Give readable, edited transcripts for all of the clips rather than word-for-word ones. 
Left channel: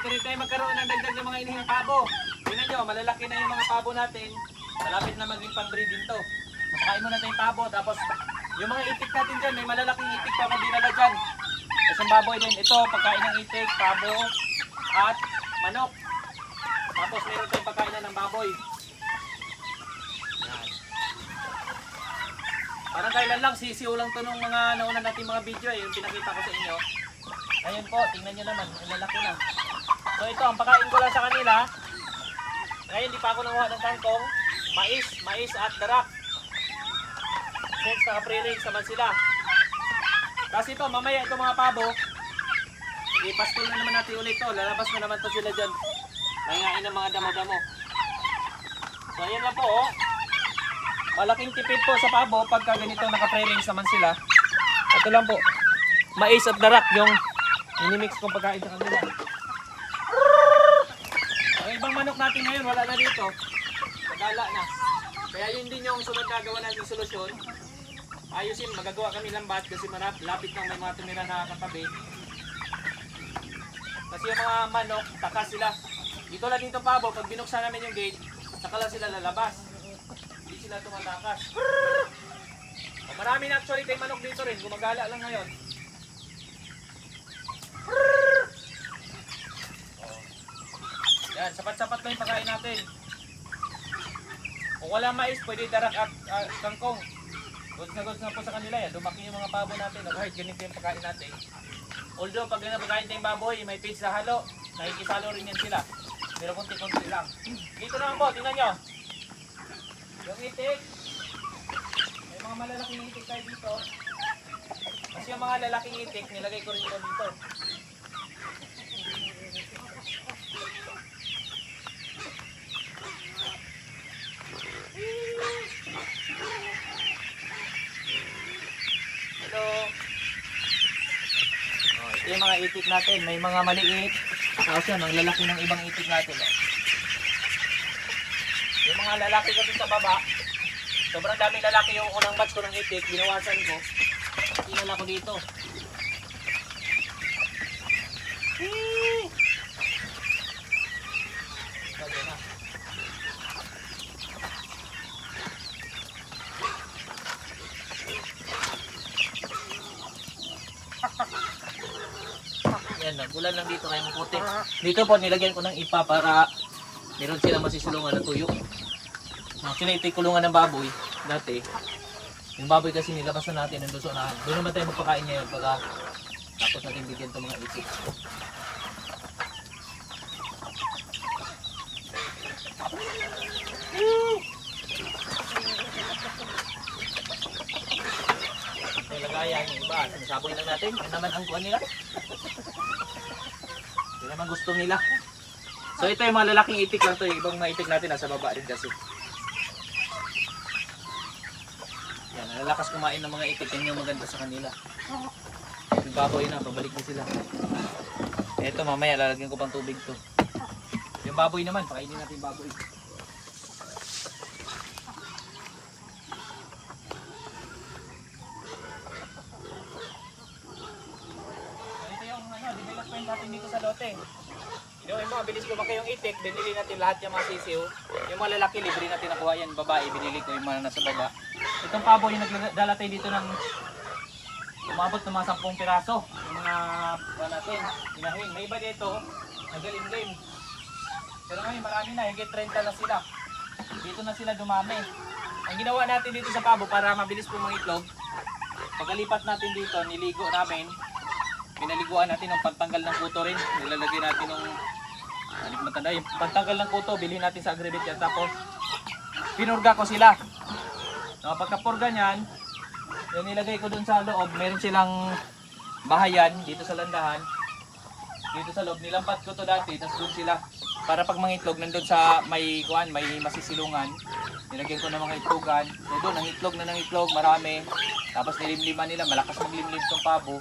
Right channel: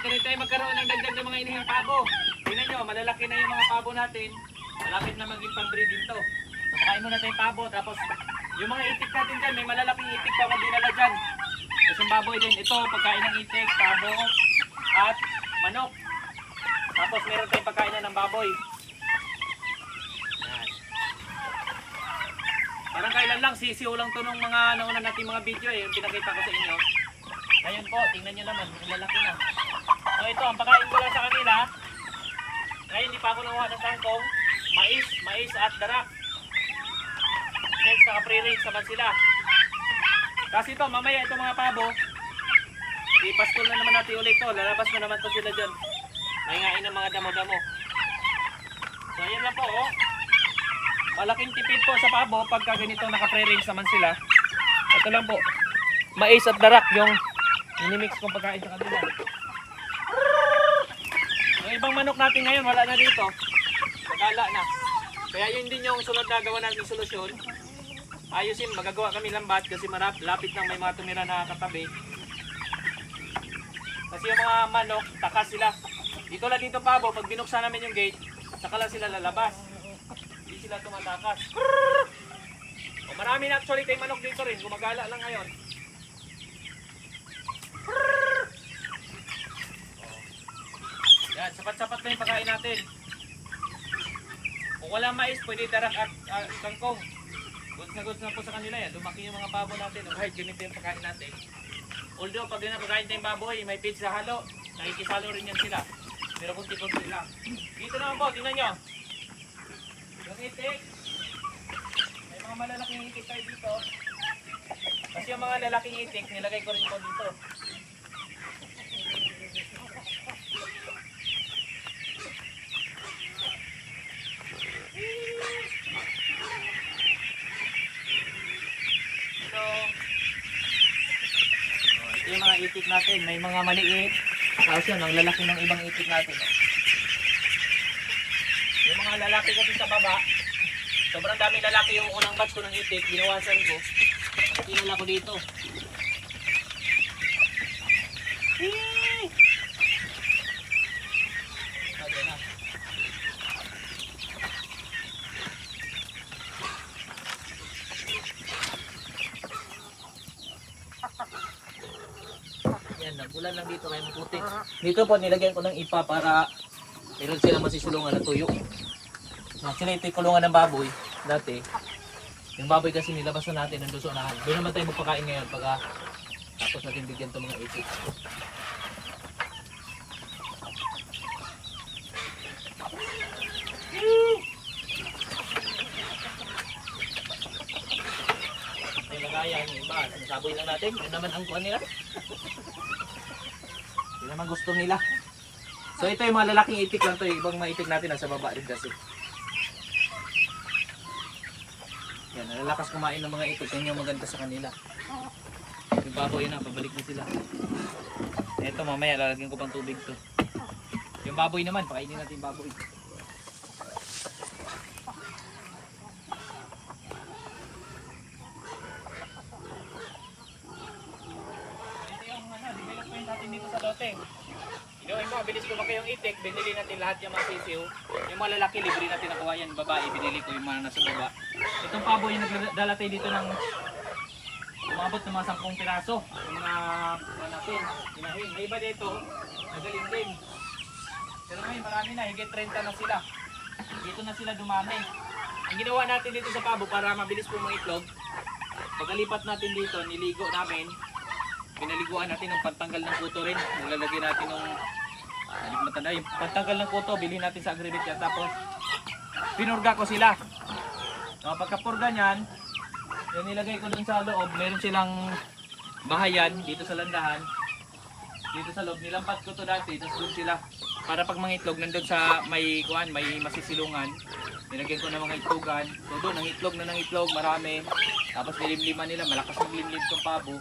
dito rin tayo magkaroon ng dagdag ng mga inihing pabo. Tingnan nyo, malalaki na yung mga pabo natin. Malapit na maging pang-breeding to. So, pakain muna tayo pabo, tapos yung mga itik natin dyan, may malalaking itik pa kung dinala dyan. Tapos yung baboy din, ito, pagkain ng itik, pabo, at manok. Tapos meron tayong pagkain na ng baboy. Yan. Parang kailan lang, sisiw lang to nung mga nauna natin mga video yung pinakita ko sa inyo. Ngayon po, tingnan nyo naman, lalaki na. So ito, ang pagkain ko lang sa kanila. Ngayon, hindi pa ako nanguha ng kangkong. Mais at darak. Since naka-pre-range naman sila. Kasi ito, mamaya itong mga pabo, ipaskul na naman natin ulit ito. Lalabas na naman to sila dyan. Mahingain ng mga damo-damo. So ayan lang po, oh. Malaking tipid po sa pabo pagka ganito naka-pre-range naman sila. Ito lang po, mais at darak yung inimix kong pagkain sa kanila. Ang ibang manok natin ngayon wala na dito. Magala na. Kaya yun din yung sunod na gawa natin solusyon. Ayusin, magagawa kami lambat kasi lapit lang may mga tumira na katabi. Kasi yung mga manok, takas sila. Dito lang dito pabo, pag binuksan namin yung gate, saka lang sila lalabas. Hindi sila tumatakas. O, marami na actually tayong manok dito rin, gumagala lang ngayon. Yan, sapat-sapat na yung pagkain natin. Kung walang mais, pwede darak at kangkong. Goods na po sa kanila yan. Dumaki yung mga pabo natin. O kahit ganito yung pagkain natin. Although pag pagkain tayong baboy, may feeds na halo. Nakikisalo rin yan sila. Pero kunti-kunti lang. Dito naman po, tingnan nyo. Yung itik. May mga malalaking itik tayo dito. Kasi yung mga lalaking itik, nilagay ko rin po dito. Hello. Oh, ito yung mga itik natin. May mga maliit. Tapos yun, ang lalaki ng ibang itik natin. Yung mga lalaki kasi sa baba, sobrang daming lalaki yung unang batch ko ng itik. Binawasan ko. Pinala ko dito. Sabi na. Yan, nagulan lang dito kaya maputi. Dito po nilagyan ko ng ipa para meron silang masisulungan na tuyo. Actually ito yung kulungan ng baboy dati. Yung baboy kasi nilabas na natin ng luso na. Doon naman tayo magpakain ngayon pagka tapos natin bigyan itong mga itik. Lagayan yung iba, sinasaboy lang natin. Yun naman ang kuha nila. Yun naman gusto nila. So ito yung mga lalaking itik lang to. Yung ibang mga itik natin nasa baba rin kasi. Yan, nalalakas kumain ng mga itik. Yan yung maganda sa kanila. Yung baboy na, pabalik na sila. Ito mamaya, lalagyan ko pang tubig to. Yung baboy naman, pakainin natin yung baboy. Development natin dito sa lote. Yung mabilis lumaki yung itik, binili natin lahat yung mga sisiw. Yung mga lalaki, libre natin nakuha yan. Babae, binili ko yung mga nasa baba. Itong pabo yung nagdala tayo dito ng umabot ng mga 10 piraso. Yung mga kuha natin, hinahin. May iba dito, nagaling din. Pero ngayon marami na, higit 30 na sila. Dito na sila dumami. Ang ginawa natin dito sa pabo para mabilis po mangitlog, pagkalipat natin dito, niligo namin. Pinaliguan natin ng pantanggal ng kuto rin. Nilalagay natin ng yung pantanggal ng kuto, bilhin natin sa Agribit yan. Tapos pinurga ko sila. So, pagkapurga niyan, yung nilagay ko dun sa loob, meron silang bahayan dito sa landahan. Dito sa loob, nilampat ko to dati, tapos dun sila. Para pag mangitlog, nandun sa may kuan, may masisilungan. Nilagyan ko ng mga itlogan. So doon, nangitlog na nangitlog, marami. Tapos nilimliman nila, malakas maglimlim itong pabo.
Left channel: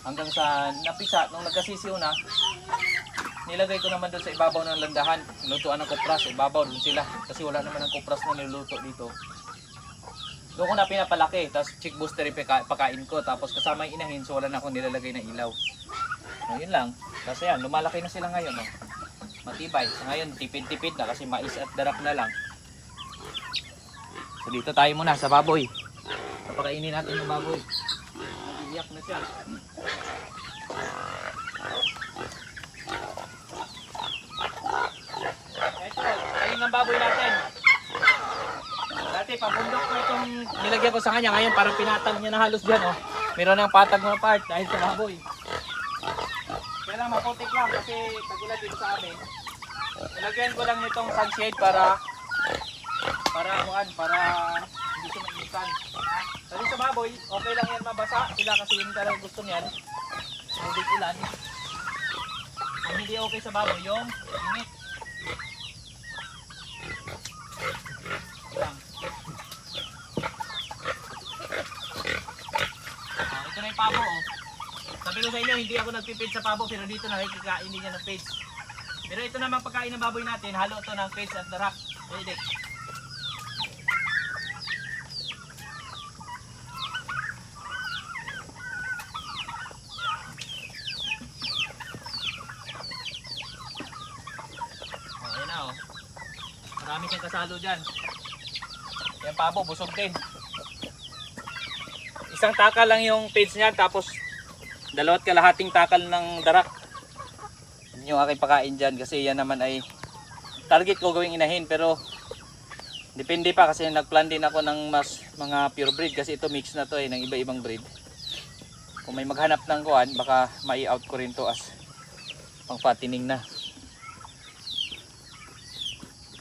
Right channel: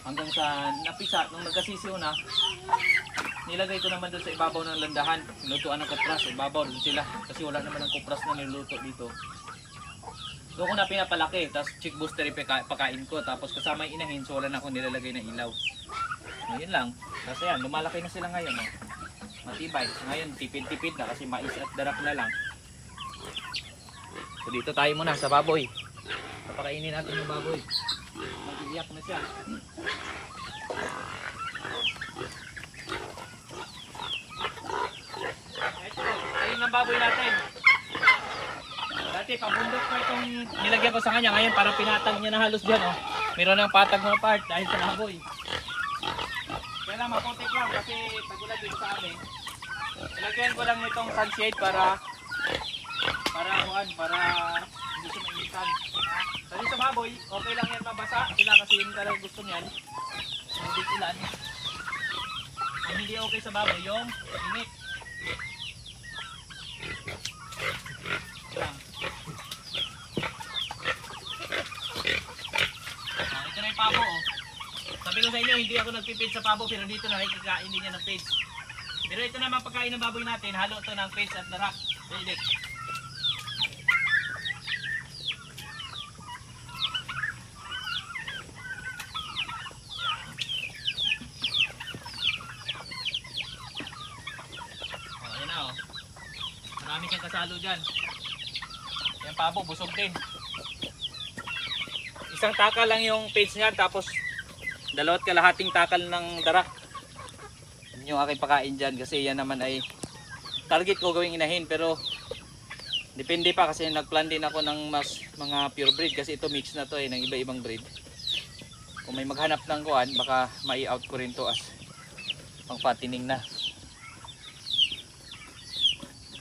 Hanggang sa napisa, nung nagkasisiw na, nilagay ko naman doon sa ibabaw ng landahan. Lutuan ng kupras, ibabaw doon sila. Kasi wala naman ng kupras na niluluto dito. Doon ko na pinapalaki, tapos chick booster yung pakain ko. Tapos kasama yung inahin, so wala na akong nilalagay ng ilaw. So, yun lang. Kasi yan, lumalaki na sila ngayon. Oh. Matibay. So, ngayon, tipid-tipid na kasi mais at darak na lang. So, dito tayo muna sa baboy. Papakainin natin yung baboy. Nag-iiyak na siya. Ito, ayun ang baboy natin. Dati, pabundok ko itong nilagyan ko sa kanya. Ngayon, parang pinatag niya na halos dyan. Oh. Meron ng patag na part dahil sa baboy. Kaya lang, maputik lang kasi tagulan dito sa amin. Nilagyan ko lang itong sunshade para hindi siya mainitan. Kasi sa baboy, okay lang yan mabasa. Sila kasi yun talaga gusto niyan. Hindi ulan. Ang hindi okay sa baboy, yung init. Lang. Ito na yung pabo. Oh. Sabi ko sa inyo, hindi ako nagpipid sa pabo pero dito nakikikain din niya ng pids. Pero ito naman pagkain ng baboy natin, halo ito ng pids at darak. Pwede. Ayan na oh. Marami siyang kasalo dyan. Yung pabo, busog din. Isang takal lang yung pids niya tapos 2 kalahating takal ng darak. Yun yung aking pakain dyan kasi yan naman ay target ko gawing inahin pero depende pa kasi nagplan din ako ng mas mga pure breed kasi ito mix na to ng iba-ibang breed. Kung may maghanap ng kuan baka mai-out ko rin to as pangpatining na.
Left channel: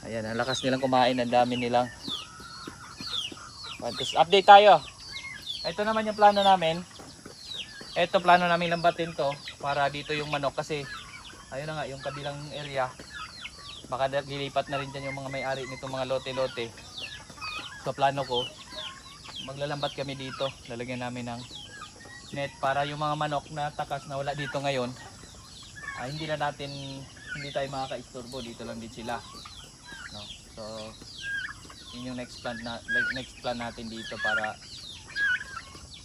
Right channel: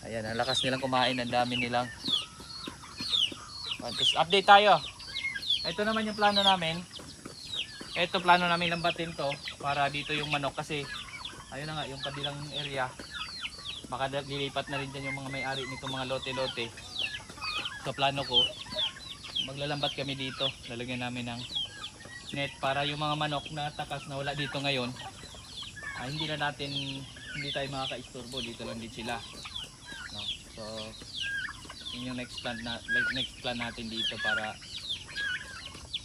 Ayan, ang lakas nilang kumain, ang dami nilang. Tapos update tayo. Ito naman yung plano namin. Ito plano namin lambatin to para dito yung manok kasi ayun na nga yung kabilang area baka dilipat na rin dyan yung mga may-ari nitong mga lote-lote. So plano ko maglalambat kami dito, lalagyan namin ng net para yung mga manok na takas na wala dito ngayon hindi tayo makaka-istorbo, dito lang din sila, no? So yun yung next plan natin dito para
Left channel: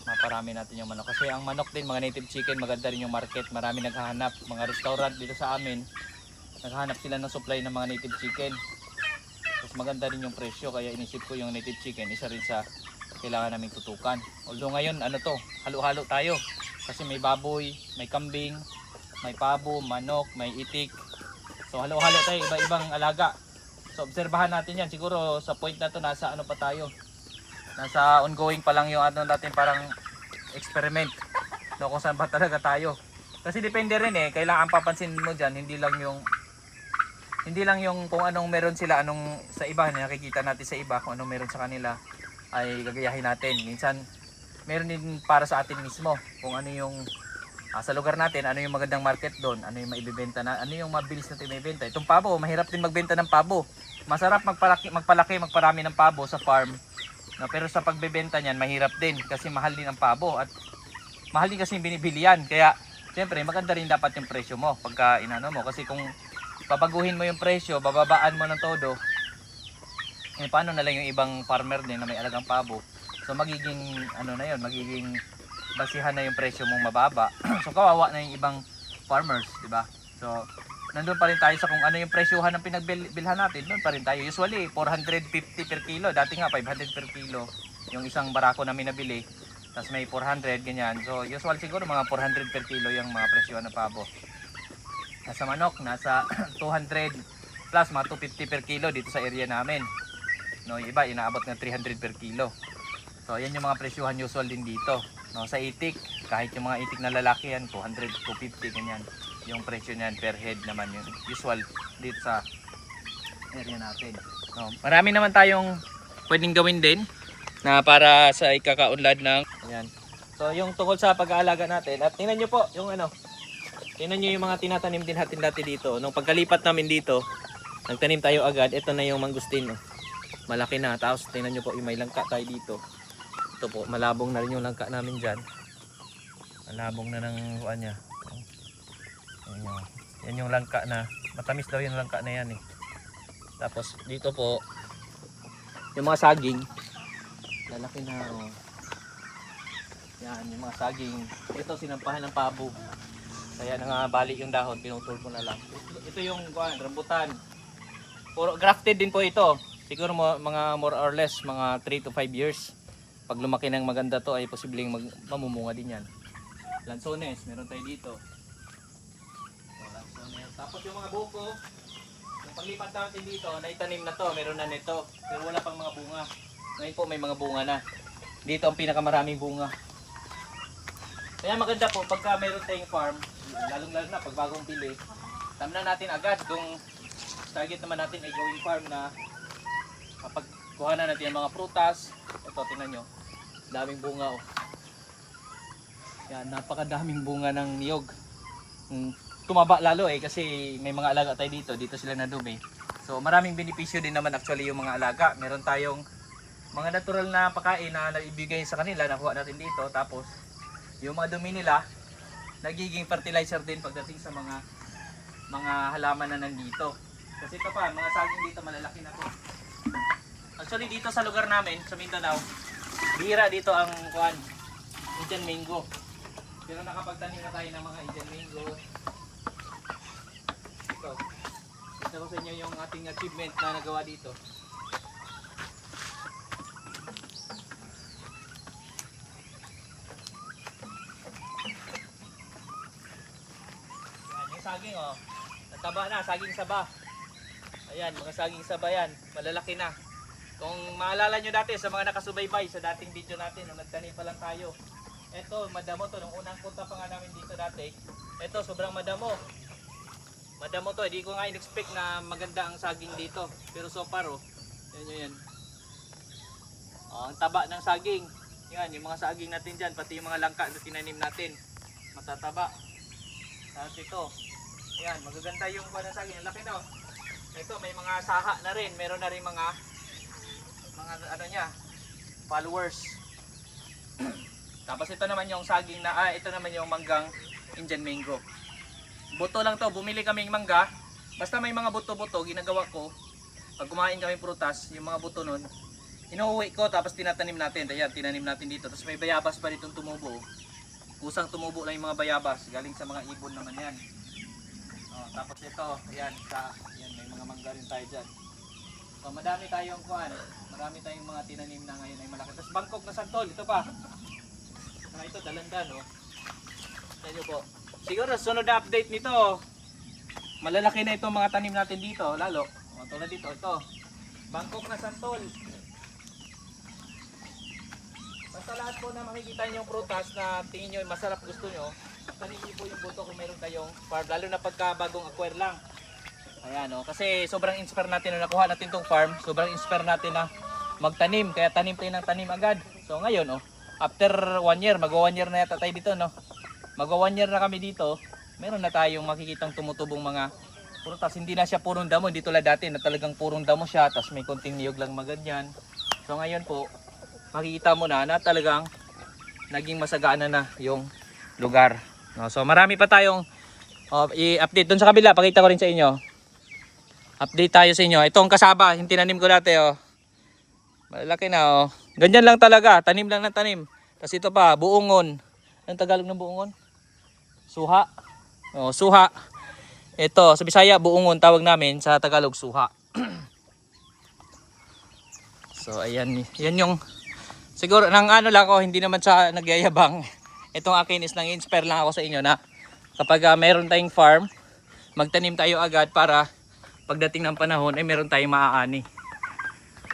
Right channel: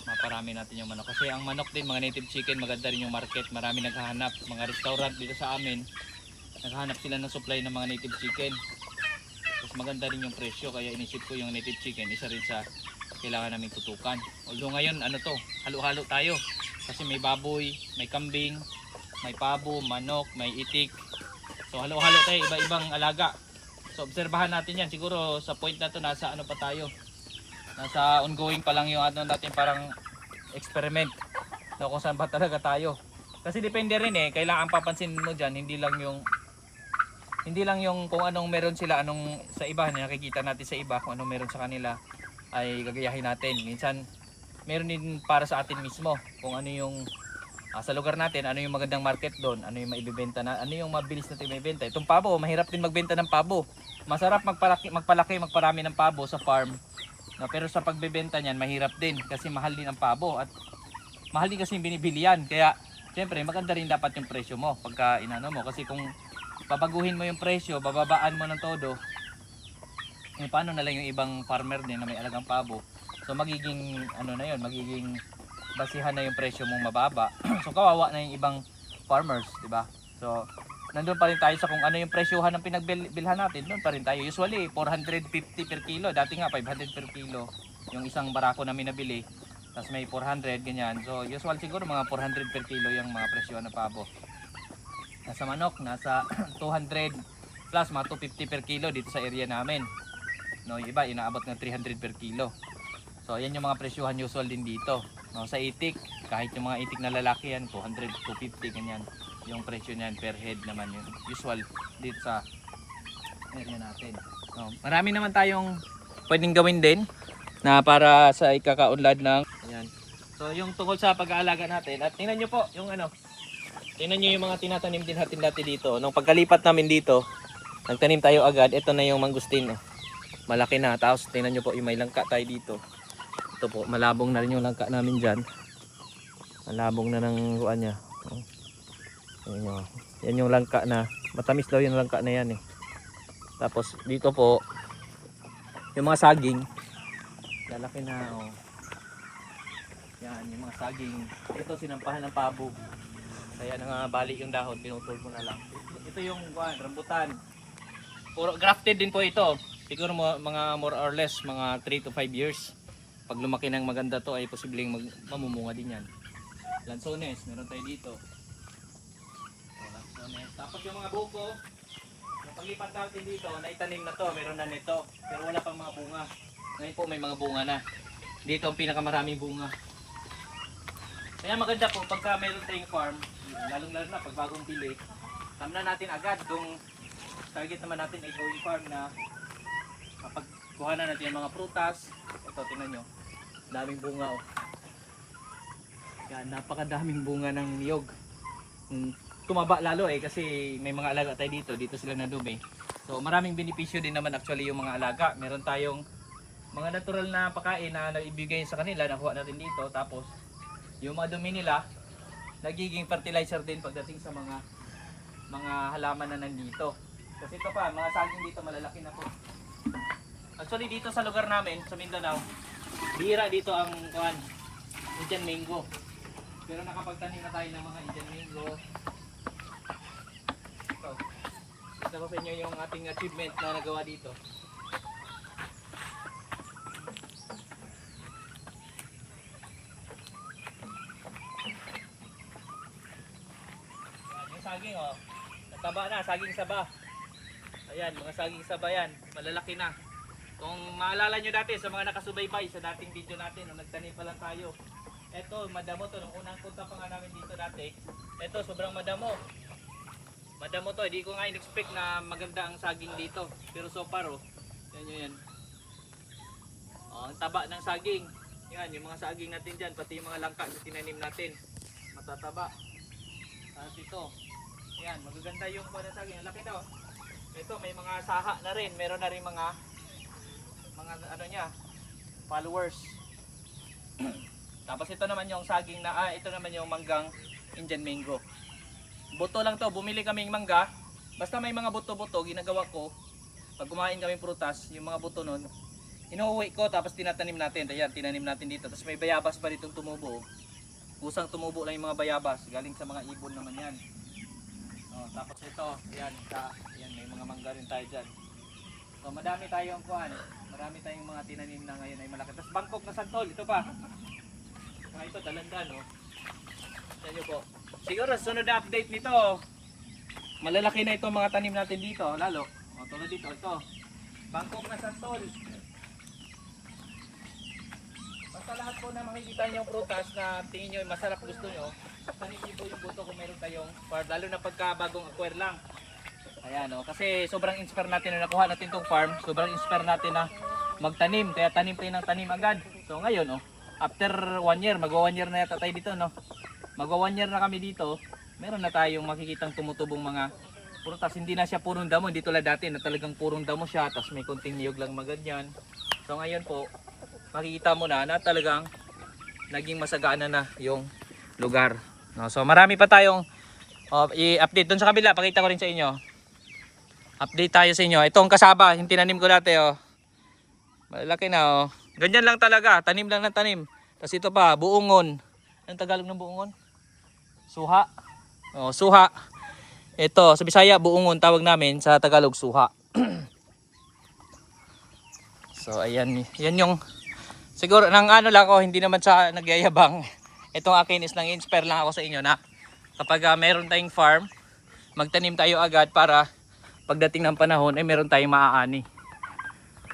maparami natin yung manok kasi ang manok din mga native chicken maganda rin yung market, marami naghahanap, mga restaurant dito sa amin naghahanap sila ng supply ng mga native chicken tapos maganda rin yung presyo kaya inisip ko yung native chicken isa rin sa kailangan namin tutukan. Although ngayon halo-halo tayo kasi may baboy, may kambing, may pabo, manok, may itik, so halo-halo tayo, iba-ibang alaga. So obserbahan natin yan, siguro sa point na to nasa nasa ongoing pa lang yung natin parang experiment, no, kung saan ba talaga tayo kasi depende rin kailangan papansin mo dyan hindi lang yung kung anong meron sila sa iba nakikita natin sa iba kung anong meron sa kanila ay gagayahin natin. Minsan meron din para sa atin mismo kung ano yung sa lugar natin, ano yung magandang market doon, ano yung maibibenta na, ano yung mabilis natin maibenta. Itong pabo, mahirap din magbenta ng pabo, masarap magparami ng pabo sa farm. No, pero sa pagbebenta niyan mahirap din kasi mahal din ang pabo at mahal din kasi binibili yan. Kaya siyempre maganda rin dapat yung presyo mo pagka inano mo kasi kung babaguhin mo yung presyo, bababaan mo ng todo, paano na lang yung ibang farmer din na may alagang pabo. So magiging magiging basihan na yung presyo mong mababa. So kawawa na yung ibang farmers, di ba? So nandun pa rin tayo sa kung ano yung presyohan ng pinagbilhan natin, doon pa rin tayo. Usually 450 per kilo, dati nga 500 per kilo yung isang barako namin nabili, tapos may 400 ganyan. So usual siguro mga 400 per kilo yung mga presyohan ng pabo. Nasa manok nasa 200 plus mga 250 per kilo dito sa area namin, no, yung iba inaabot ng 300 per kilo. So yan yung mga presyohan usual din dito, no. Sa itik, kahit yung mga itik na lalaki yan 200, 250 ganyan yung presyo niyan per head naman yun usual dito sa area natin, no. Marami naman tayong pwedeng gawin din na para sa ikakaunlad ng ayan. So yung tungkol sa pag-aalaga natin at tingnan nyo po yung tingnan nyo yung mga tinatanim din natin dati dito. Nung pagkalipat namin dito nagtanim tayo agad, ito na yung mangustin, malaki na. Tapos tingnan nyo po yung may langka tayo dito, ito po malabong na rin yung langka namin dyan, malabong na ng kuan nya. Yan yung langka na matamis daw yung langka na yan Tapos dito po yung mga saging lalaki na yan yung mga saging. Ito sinampahan ng pabo. Kaya nangabali yung dahon, pinutol mo na lang. Ito yung rambutan. Puro grafted din po ito. Siguro mga more or less mga 3 to 5 years. Pag lumaki ng maganda to ay posibleng mamumunga din yan. Lansones, meron tayo dito. So, lansones. Tapos yung mga buko, yung paglipat natin dito, naitanim na to, meron na nito. Pero wala pang mga bunga. Ngayon po may mga bunga na. Dito ang pinakamaraming bunga. Kaya maganda po pagka meron tayong farm, lalong-lalo na pag bagong pili, tamnan natin agad kung target naman natin ay going farm na mapagkuha na natin yung mga prutas. Ito, tingnan nyo. Daming bunga oh. Yan, napakadaming bunga ng niyog. Tumaba lalo eh kasi may mga alaga tayo dito. Dito sila nadumi. So maraming benepisyo din naman actually yung mga alaga. Meron tayong mga natural na pagkain na naibigay sa kanila, nakuha natin dito. Tapos yung mga dumi nila, nagiging fertilizer din pagdating sa mga halaman na nandito. Kasi ito pa, mga saging dito malalaki na po. Actually dito sa lugar namin, sa Mindanao, bihira dito ang Indian mango. Pero nakapagtanim na tayo ng mga Indian mango. Ito ko sa inyo yung ating achievement na nagawa dito. Yan, yung saging oh. Nagtaba na, saging saba. Ayan, mga saging saba yan. Malalaki na. Kung maalala nyo dati sa mga nakasubaybay sa dating video natin na magtanim pa lang tayo. Ito, madamo to. Nung unang punta pa nga namin dito dati. Ito, sobrang madamo. Madamo to. Hindi ko nga in-expect na maganda ang saging dito. Pero so far, oh. Yan. Oh, ang taba ng saging. Yan, yung mga saging natin dyan. Pati yung mga langka na tinanim natin. Matataba. Tapos ito. Yan, magaganda yung saging. Ang laki daw. Ito, may mga saha na rin. Meron na rin mga ano niya, followers. Tapos ito naman yung saging na, ito naman yung manggang Indian mango. Buto lang to, bumili kaming mangga. Basta may mga buto-buto, ginagawa ko. Pag kumain kami prutas, yung mga buto nun, inuuwi ko tapos tinatanim natin. Ayan, tinanim natin dito. Tapos may bayabas pa ditong tumubo. Kusang tumubo lang yung mga bayabas. Galing sa mga ibon naman yan. Oh, tapos ito, ayan, may mga mangga rin tayo dyan. So madami tayong marami tayong mga tinanim na ngayon ay malaki. Tapos Bangkok na santol, ito pa. Ito, dalandan oh. Ito nyo po. Siguro sunod na update nito, malalaki na itong mga tanim natin dito, lalo. O, tulad dito, ito. Bangkok na santol. Basta lahat po na makikita nyo yung prutas na tingin nyo masarap, gusto nyo, tanin po yung buto kung meron kayong farm, lalo na pagka bagong acquire lang. Ayan o, kasi sobrang inspire natin na nakuha natin itong farm, sobrang inspire natin na magtanim, kaya tanim tayo ng tanim agad. So ngayon o, after 1 year, magwa 1 year na yata tayo dito no. Magwa 1 year na kami dito, meron na tayong makikitang tumutubong mga prutas. Hindi na siya purong damo, hindi tulad dati na talagang purong damo siya, tapos may konting niyog lang maganyan. So ngayon po, makikita mo na talagang naging masagana na yung lugar. No, so marami pa tayong i-update doon sa kabila, pakita ko rin sa inyo. Update tayo sa inyo. Ito ang kasaba, yung tinanim ko dati oh. Malaki na oh. Ganyan lang talaga, tanim lang ng tanim. Tapos ito pa, buungon. Anong Tagalog ng buungon? Suha. Oh, suha. Ito, sa Bisaya buungon tawag namin, sa Tagalog suha. So ayan, yan yung siguro nang ano lang ako, hindi naman sa nagyayabang. Itong akin is nang inspire lang ako sa inyo na kapag mayroon tayong farm, magtanim tayo agad para pagdating ng panahon ay meron tayong maaani.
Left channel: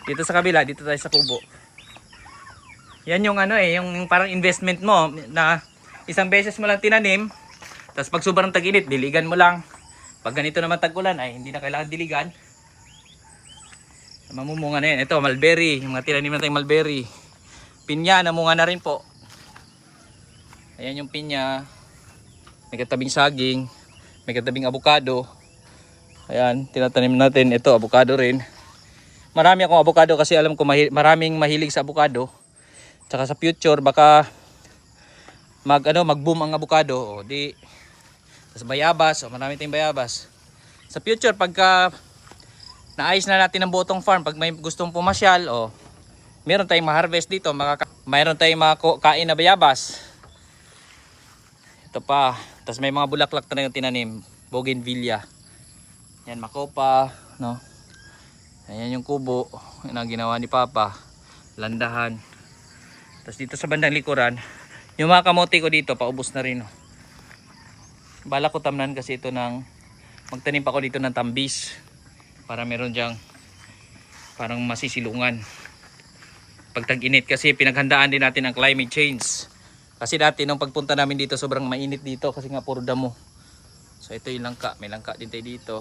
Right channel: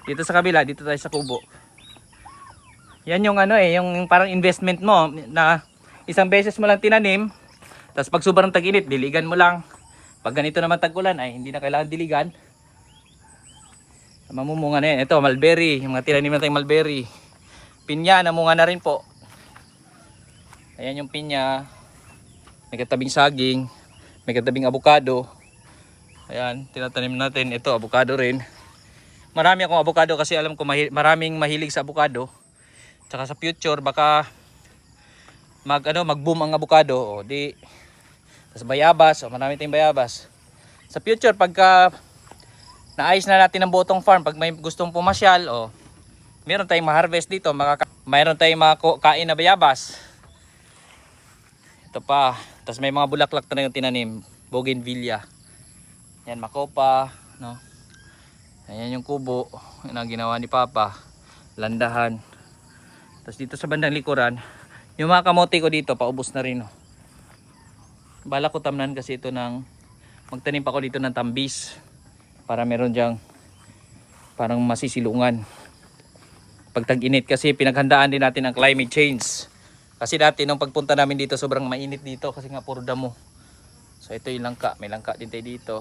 Dito sa kabila, dito tayo sa kubo. Yan yung yung parang investment mo na isang beses mo lang tinanim, tapos pag sobrang tag-init, diligan mo lang. Pag ganito naman tag-ulan ay hindi na kailangan diligan. Mamumunga na yan. Ito, mulberry, yung mga tinanim na tayong mulberry. Pinya, namunga na rin po. Ayan yung pinya. May katabing saging, may katabing avocado. Ayan, tinatanim natin. Ito, avocado rin. Marami akong avocado kasi alam ko maraming mahilig sa avocado. Tsaka sa future baka mag-boom ang avocado. O di, tas bayabas, marami tayong bayabas. Sa future pagka naayos na natin ang buong farm, pag may gustong pumasyal, meron tayong ma-harvest dito, mayroon tayong makain na bayabas. Ito pa. Tapos may mga bulaklak na yung tinanim. Bougainvillea. Yan, makopa. No? Ayan yung kubo na ginawa ni Papa. Landahan. Tapos dito sa bandang likuran, yung mga kamote ko dito, paubos na rin. Oh. Bala ko tamnan kasi ito ng, magtanim pa ko dito ng tambis. Para meron dyang parang masisilungan. Pag tag-init kasi pinaghandaan din natin ang climate change. Kasi dati nung pagpunta namin dito sobrang mainit dito kasi nga puro damo. So ito yung langka, may langka din tayo dito.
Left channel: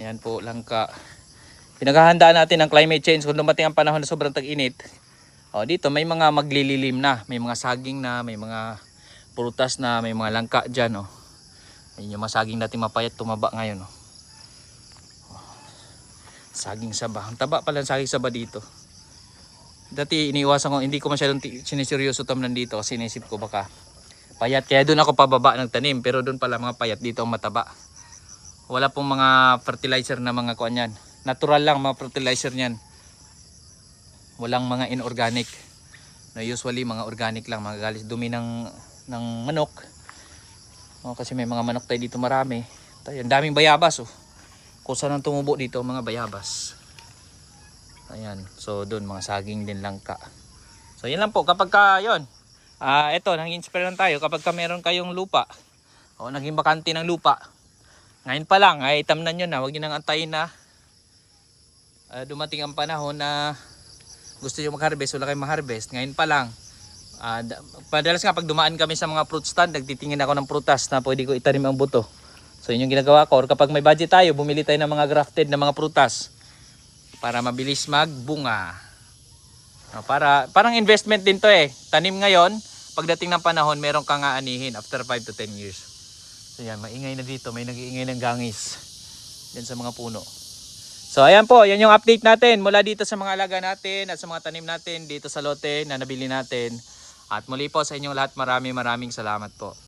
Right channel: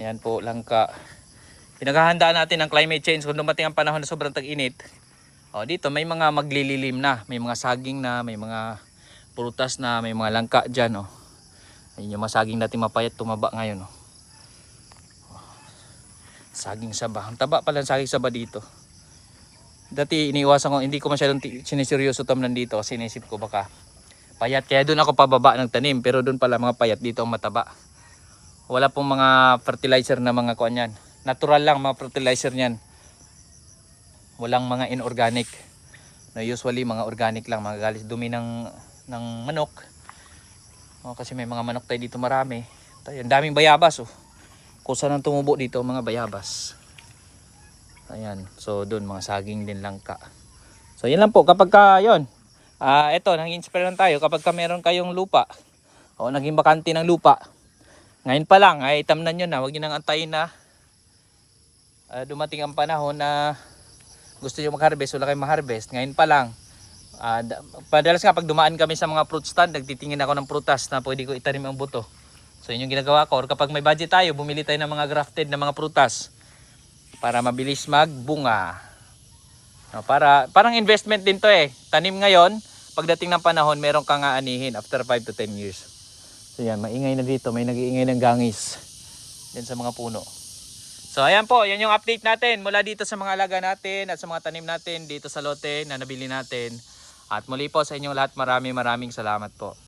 Ayan po, langka. Pinaghahandaan natin ang climate change kung dumating ang panahon na sobrang tag-init. O dito may mga maglililim na, may mga saging na, may mga prutas na, may mga langka diyan, oh. Ayun yung mga saging natin mapayat tumaba ngayon, oh. Saging saba. Ang taba pala ng saging saba dito. Dati iniiwasan ko, hindi ko masyadong siniseryoso tamnan dito kasi inisip ko baka payat. Kaya doon ako pababa ng tanim, pero doon pala mga payat, dito ang mataba. Wala pong mga fertilizer na mga kuan yan. Natural lang mga fertilizer niyan. Walang mga inorganic. No, usually mga organic lang, mga galis dumi ng manok. Oh, kasi may mga manok tayo dito marami. Tayo, ang daming bayabas, oh. Kusa nang tumubo dito mga bayabas. Ayan. So doon mga saging din langka. So yun lang po kapag ka yun. Ito, nang-inspire lang tayo kapag ka meron kayong lupa. O naging bakante ng lupa. Ngayon pa lang ay tamnan nyo na, huwag nyo nang antayin na dumating ang panahon na gusto nyo mag-harvest, wala kayong ma-harvest. Ngayon pa lang, padalas nga pag dumaan kami sa mga fruit stand, nagtitingin ako ng prutas na pwede ko itanim ang buto. So yun yung ginagawa ko. Or kapag may budget tayo, bumili tayo ng mga grafted na mga prutas para mabilis magbunga. No, parang investment din to eh. Tanim ngayon, pagdating ng panahon, meron kang aanihin after 5 to 10 years. So yan, maingay na dito, may nag-iingay ng gangis yan sa mga puno. So ayan po, yan yung update natin mula dito sa mga alaga natin at sa mga tanim natin dito sa lote na nabili natin. At muli po sa inyong lahat, maraming salamat po.